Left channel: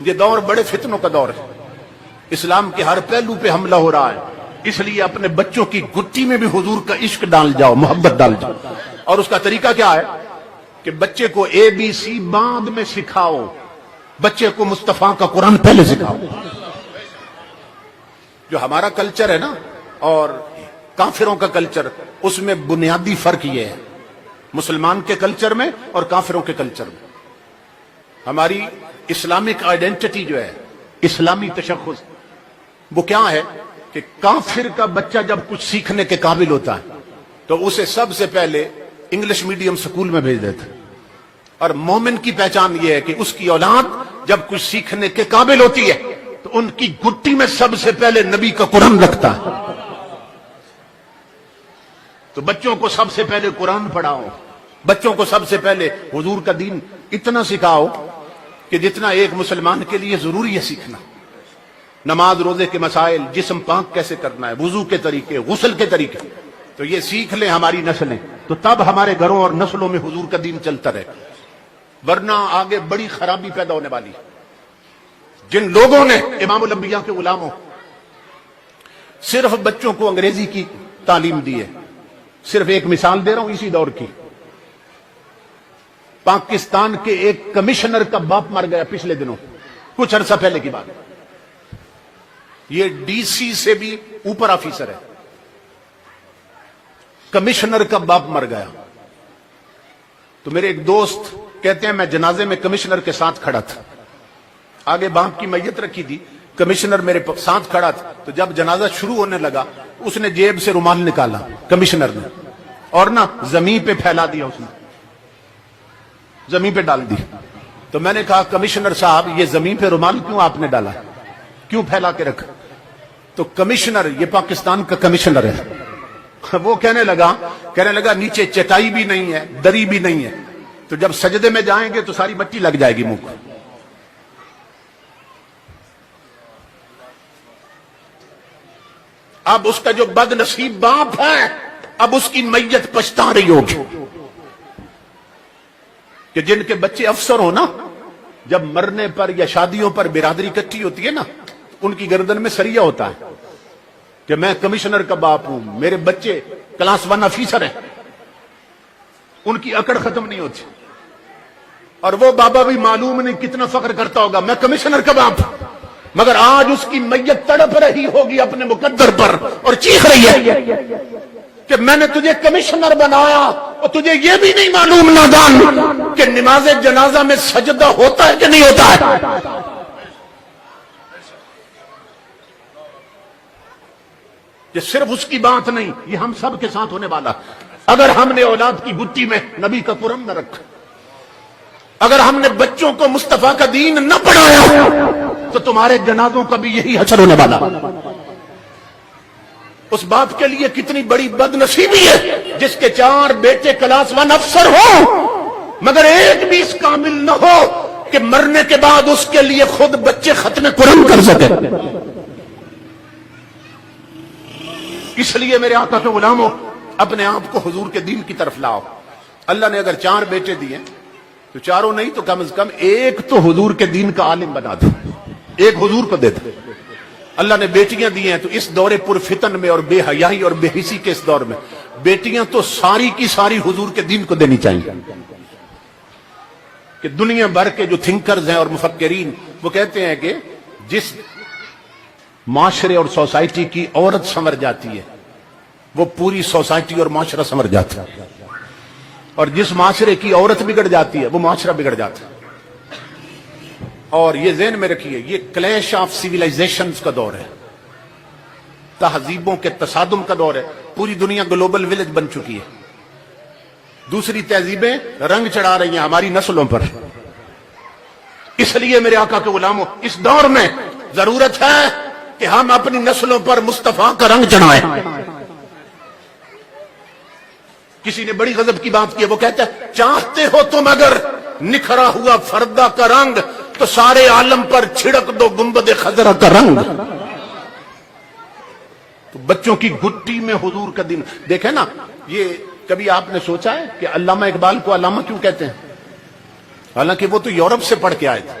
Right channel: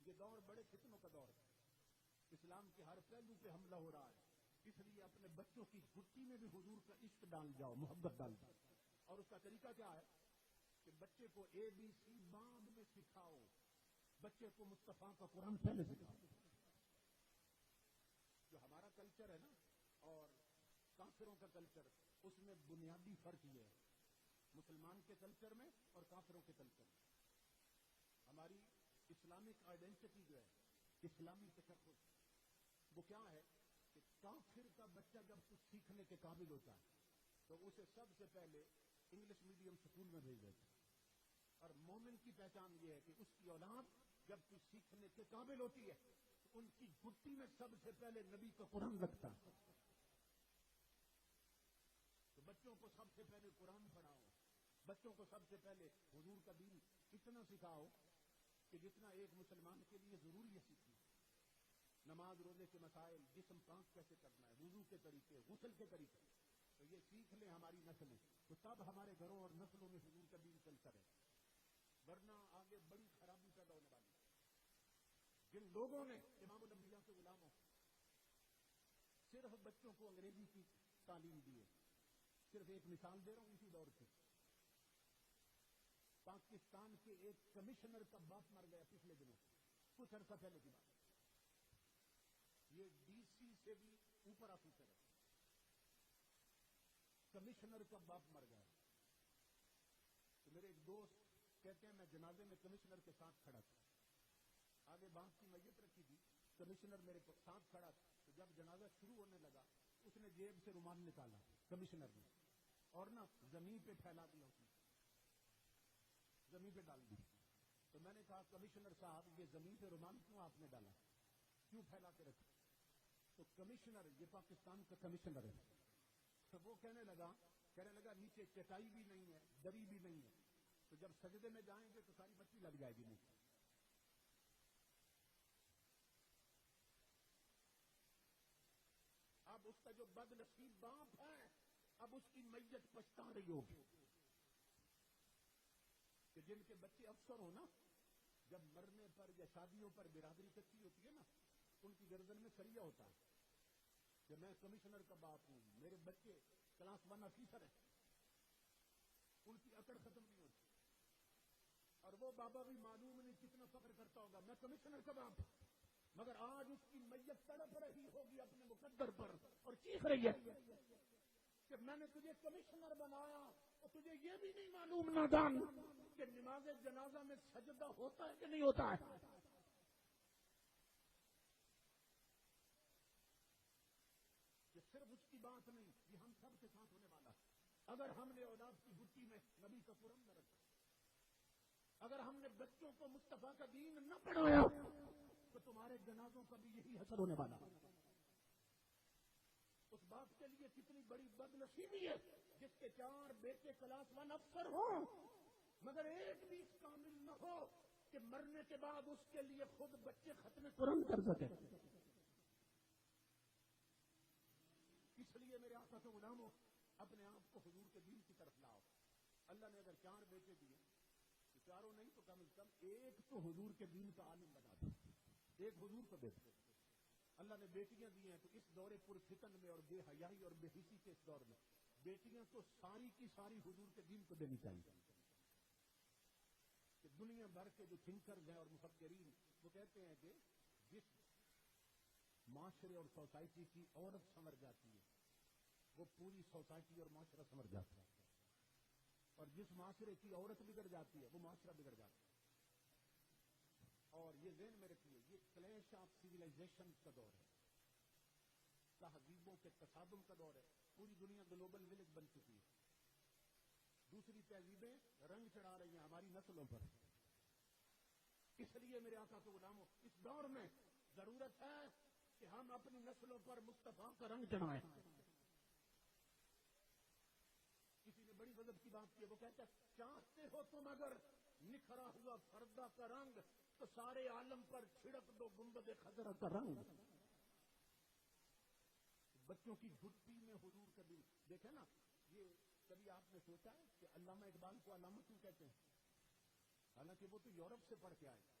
یہ دور بڑے فتنوں کا دور ہے، اسلام کے ہر پہلو پہ حملہ ہو رہا ہے، اس لیے اپنے بچوں کی گٹی میں بھی حضور کا عشق ڈال جاؤ، محبت ڈال جاؤ۔ اور اس کا طریقہ کیا ہے کہ بچے کو ABC بعد میں سکھاؤ، بچے کو مصطفیٰ کا قرآن پہلے سکھاؤ۔ جو ہمارا کلچر ہے نا اور کافروں کا کلچر، اس میں بنیادی فرق یہ ہے، مسلمان کے کلچر میں اور کافروں کے کلچر میں۔ ہماری اسلامک آئیڈینٹی جو ہے، اسلامی تشخص، وہ کیا ہے کہ کافر کا بچہ جب کچھ سیکھنے کے قابل ہوتا ہے تو اسے سب سے پہلے انگلش میڈیم سکول میں بھیج دیتا ہے، اور مومن کی پہچان یہ ہے کہ اس کی اولاد جب کچھ سیکھنے کے قابل ہوتی ہے تو ان کی گٹی میں سب سے پہلے نبی کا قرآن رکھتا ہے۔ تو بچوں کو سب سے پہلے قرآن پڑھاؤ، بچوں کو سب سے پہلے حضور کا دین اتنا سکھاؤ کہ جتنا ایک مسلمان کے لیے ضروری ہے سیکھنا، نماز روزے کے مسائل، جسم پاک کیسے کرنا ہے، وضو کے طریقے، غسل کے طریقے، تو یہ سیکھ لیں ہماری نسلیں، تو تب ہمارے گھروں اور نسلوں میں حضور کا دین چلتا رہے، ورنہ آگے بڑی خرابی پیدا ہونے والی ہے۔ جن لوگوں نے امام الانبیاء کے غلاموں صرف بچوں کو انگریزی کی تعلیم دی ہے، صرف ایک مثال دے رہا ہوں اسی دور کی، پاکستان کے ایک کمشنر کا باپ مر گیا پچھلے دنوں، کچھ عرصہ پہلے کی بات، یہ DC سے بھی اوپر آفیسر ہے، کمشنر کا باپ مر گیا۔ تو میرے ایک دوست کہتے ہیں میں جنازے میں کمشنر کے ساتھ کھڑا تھا، آگے باپ کی میت رکھی تھی، کمشنر میرے ساتھ کھڑا تھا، تو جب جنازہ شروع ہونے لگا اس نے جیب سے رومال نکالا کمشنر نے، اور نا زمین پہ پھیلا دیا، اس نے زمین پہ ڈال دی۔ تو میں نے کہا کمشنر صاحب یہ زمین پہ رومال کیوں آپ نے ڈالا، کیوں پھیلا کے رکھا؟ تو کمشنر، یہ پاکستان کا کمشنر ہے، وہ کہنے لگا نیچے چٹائی بھی نہیں ہے، دری بھی نہیں ہے، تو جب سجدے میں جائیں گے تو ساری مٹی لگ جائے گی منہ کو۔ اب اس کا جو بد نصیب باپ ہے، اب اس کی میت پچھتا رہی ہوگی کہ جن کے بچے افسر ہو نا، جب مرنے پر یا شادیوں پر برادری اکٹھی ہوتی ہے نا، ان کی گردن میں سریا ہوتا ہے کہ میں کمشنر کا باپ ہوں، میرے بچے کلاس 1 افیسر ہیں، ان کی اکڑ ختم نہیں ہوتی، اور وہ بابا بھی معلوم نہیں کتنا فخر کرتا ہوگا میں کمشنر کا باپ ہوں، مگر آج اس کی میت تڑپ رہی ہوگی اپنے مقدر پر اور چیخ رہی ہے کہ میں نے تجھے کمشنر بنایا اور تجھے یہ بھی نہیں معلوم نادان کہ نماز جنازہ میں سجدہ ہوتا ہے کہ نہیں ہوتا ہے۔ یہ صرف اس کی بات نہیں، یہ ہم سب کے ساتھ ہونے والا۔ اگر ہم نے اولاد کی گٹی میں نبی کا قرآن نہ رکھا، اگر ہم نے بچوں کو مصطفیٰ کا دین نہ پڑھایا، تو تمہارے جنازوں کا بھی یہی حشر ہونے والا۔ اس باپ کے لیے کتنی بڑی بد نصیبی ہے جس کے 4 بیٹے کلاس 1 افسر ہوں مگر ایک بھی اس کامل نہ ہو کہ مرنے کے بعد اس کے لیے خود بچے ختم قرآن کر سکے۔ اس لیے میرے آقا کے غلاموں، اپنے آپ کو حضور کے دین کی طرف لاؤ۔ اللہ نے اگر 4 بیٹے دیے تو چاروں نہیں تو کم از کم ایک تو حضور کے دین کا عالم بنا دو، ایک حضور کو دے دو۔ اللہ نے بیٹیاں دی ہیں تو اس دور پر فتن میں اور بے حیائی اور بے حسی کے اس دور میں بیٹیاں تو ساری کی ساری حضور کے دین کو دینی چاہیے۔ کہ دنیا بھر کے جو تھنکرز ہیں اور مفکرین وہ کہتے ہیں کہ جس معاشرے اور سوسائٹی کی عورت سنور جاتی ہے وہ پوری سوسائٹی اور معاشرہ سنور جاتا ہے، اور جس معاشرے کی عورت بگڑ جاتی ہے وہ معاشرہ بگڑ جاتا ہے۔ اور یہ ذہن میں رکھیے، یہ کلیش آف سیویلائزیشنز کا دور ہے، تہذیبوں کے تصادم کا دور ہے۔ پوری دنیا گلوبل ولیج بن چکی ہے، دوسری تہذیبیں رنگ چڑھا رہی ہیں ہماری نسلوں پر۔ اس لیے میرے آقا کے غلاموں، اس دور میں ضرورت ہے کہ ہم اپنی نسلوں پر مصطفیٰ کا رنگ چڑھائیں۔ کسی نے بڑی غضب کی بات کی ہے، وہ کہتا ہے چاہتے ہو تم اگر نکھرا ہوا فردہ کا رنگ تو سارے عالم پر چھڑک دو گنبد خضرا کا رنگ۔ تو بچوں کی گٹی میں حضور کا دین دیکھیں نا۔ یہ کبھی آپ نے سوچا ہے کہ علامہ اقبال کو علامہ کیوں کہتے ہیں؟ حالانکہ وہ تو یورپ سے پڑھ کے آئے تھے،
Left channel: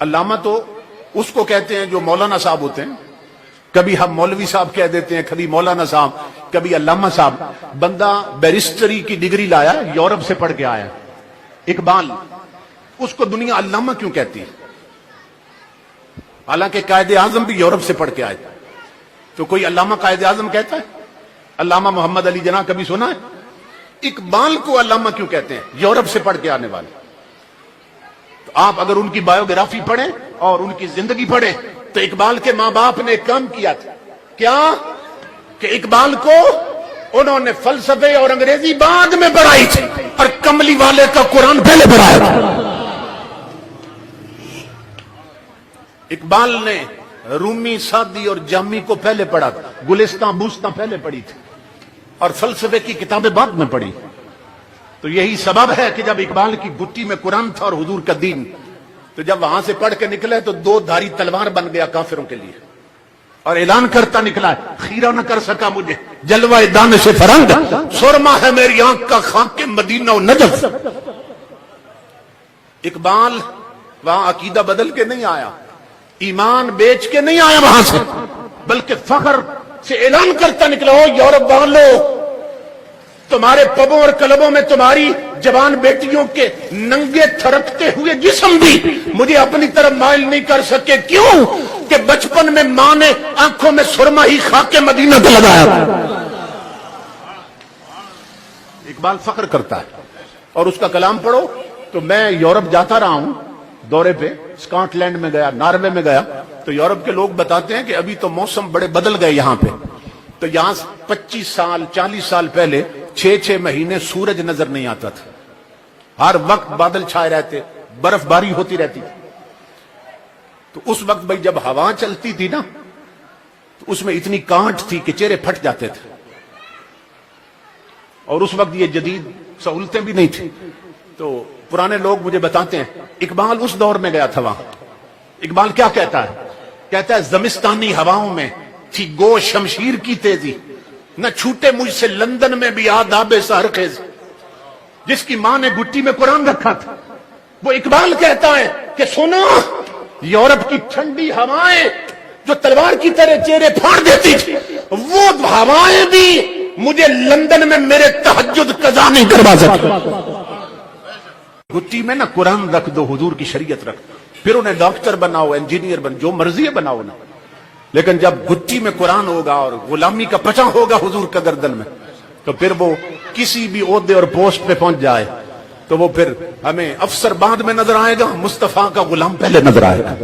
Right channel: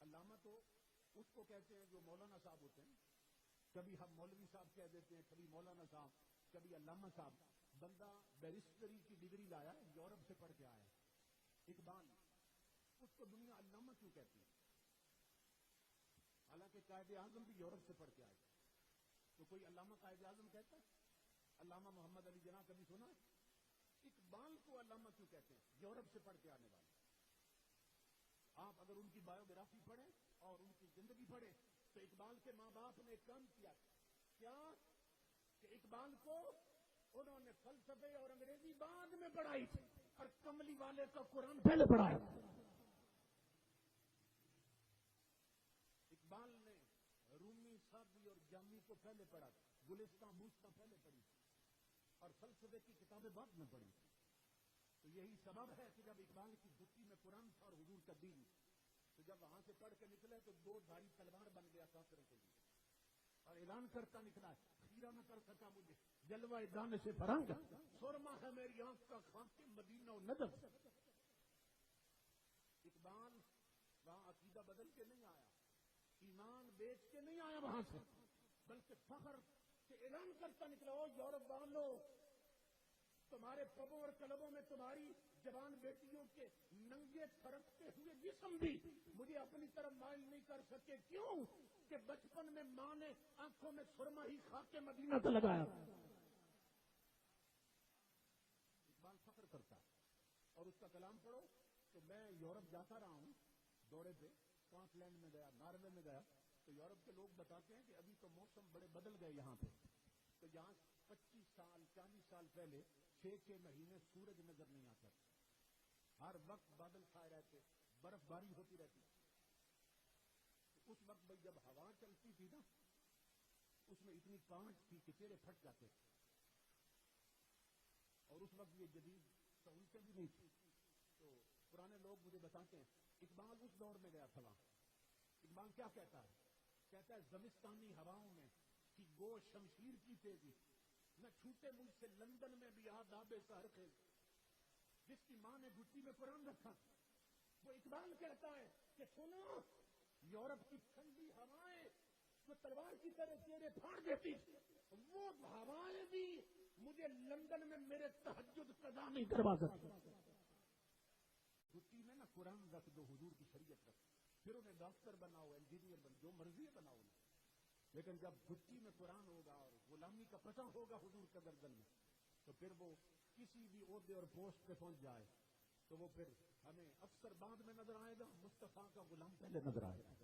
علامہ تو اس کو کہتے ہیں جو مولانا صاحب ہوتے ہیں. کبھی ہم مولوی صاحب کہہ دیتے ہیں, کبھی مولانا صاحب, کبھی علامہ صاحب. بندہ بیرسٹری کی ڈگری لایا, یورپ سے پڑھ کے آیا. اقبال, اس کو دنیا علامہ کیوں کہتی ہے؟ حالانکہ قائد اعظم بھی یورپ سے پڑھ کے آئے. تو کوئی علامہ قائد اعظم کہتا ہے؟ علامہ محمد علی جناح کبھی سنا ہے؟ اقبال کو علامہ کیوں کہتے ہیں؟ یورپ سے پڑھ کے آنے والے. تو آپ اگر ان کی بایوگرافی پڑھیں اور ان کی زندگی پڑھیں تو اقبال کے ماں باپ نے ایک کام کیا تھا. کیا کہ اقبال کو انہوں نے فلسفے اور انگریزی بعد میں پڑھائی تھی اور کملی والے کا قرآن پہلے پڑھایا تھا. اقبال نے رومی, سعدی اور جامی کو پہلے پڑھا تھا, گلستان بوستان پہلے پڑھی تھی, اور فلسفے کی کتابیں بعد میں پڑھی. تو یہی سبب ہے کہ جب اقبال کی گٹی میں قرآن تھا اور حضور کا دین, تو جب وہاں سے پڑھ کے نکلے تو 2 دھاری تلوار بن گیا کافروں کے لیے, اور اعلان کرتا نکلا, خیرہ نہ کر سکا مجھے جلوہ دانش فرنگ, سرما ہے میری آنکھ کا خاک مدینہ و نجف. اقبال وہاں عقیدہ بدل کے نہیں آیا, ایمان بیچ کے نہیں آیا وہاں سے, بلکہ فخر سے اعلان کرتا نکلا, ہو یورپ والو, تمہارے پبوں اور کلبوں میں تمہاری جوان بیٹیوں کے ننگے تھرکتے ہوئے جسم بھی مجھے اپنی طرف مائل نہیں کر سکے. کیوں کہ بچپن میں ماں نے آنکھوں میں سرما ہی خاک مدینہ پہ لگایا. اقبال فخر کرتا ہے, اور اس کا کلام پڑھو. تو میں یورپ جاتا رہا ہوں دورے پہ, اسکاٹ لینڈ میں گیا, ناروے میں گیا, تو یورپ کے لوگ بتاتے ہیں کہ ابھی تو موسم بڑے بدل گئے یہاں پہ. تو یہاں 25 سال 40 سال پہلے 6 مہینے سورج نظر نہیں آتا تھا, ہر وقت بادل چھائے رہتے, برف باری ہوتی رہتی. تو اس وقت بھائی جب ہوا چلتی تھی نا, تو اس میں اتنی کانٹ تھی کہ چہرے پھٹ جاتے تھے, اور اس وقت یہ جدید سہولتیں بھی نہیں تھی. تو پرانے لوگ مجھے بتاتے ہیں اقبال اس دور میں گیا تھا وہاں. اقبال کیا کہتا ہے؟ کہتا ہے زمستانی ہواؤں میں تھی گو شمشیر کی تیزی, نہ چھوٹے مجھ سے لندن میں بھی آداب سحرخیز. جس کی ماں نے گٹی میں قرآن رکھا تھا, وہ اقبال کہتا ہے کہ سنو, یورپ کی ٹھنڈی ہوائیں جو تلوار کی طرح چہرے پھاڑ دیتی تھی, وہ ہوائیں بھی مجھے لندن میں میرے تہجد قضا نہیں کروا سکتی. گٹی میں نا قرآن رکھ دو, حضور کی شریعت رکھ دو, پھر انہیں ڈاکٹر بناؤ, انجینئر بن, جو مرضی ہے بناؤ نا. لیکن جب گٹی میں قرآن ہوگا اور غلامی کا پچا ہوگا حضور کا گردن میں, تو پھر وہ کسی بھی عہدے اور پوسٹ پہ پہنچ جائے تو وہ پھر ہمیں افسر بعد میں نظر آئے گا, مصطفیٰ کا غلام پہلے نظر آئے گا.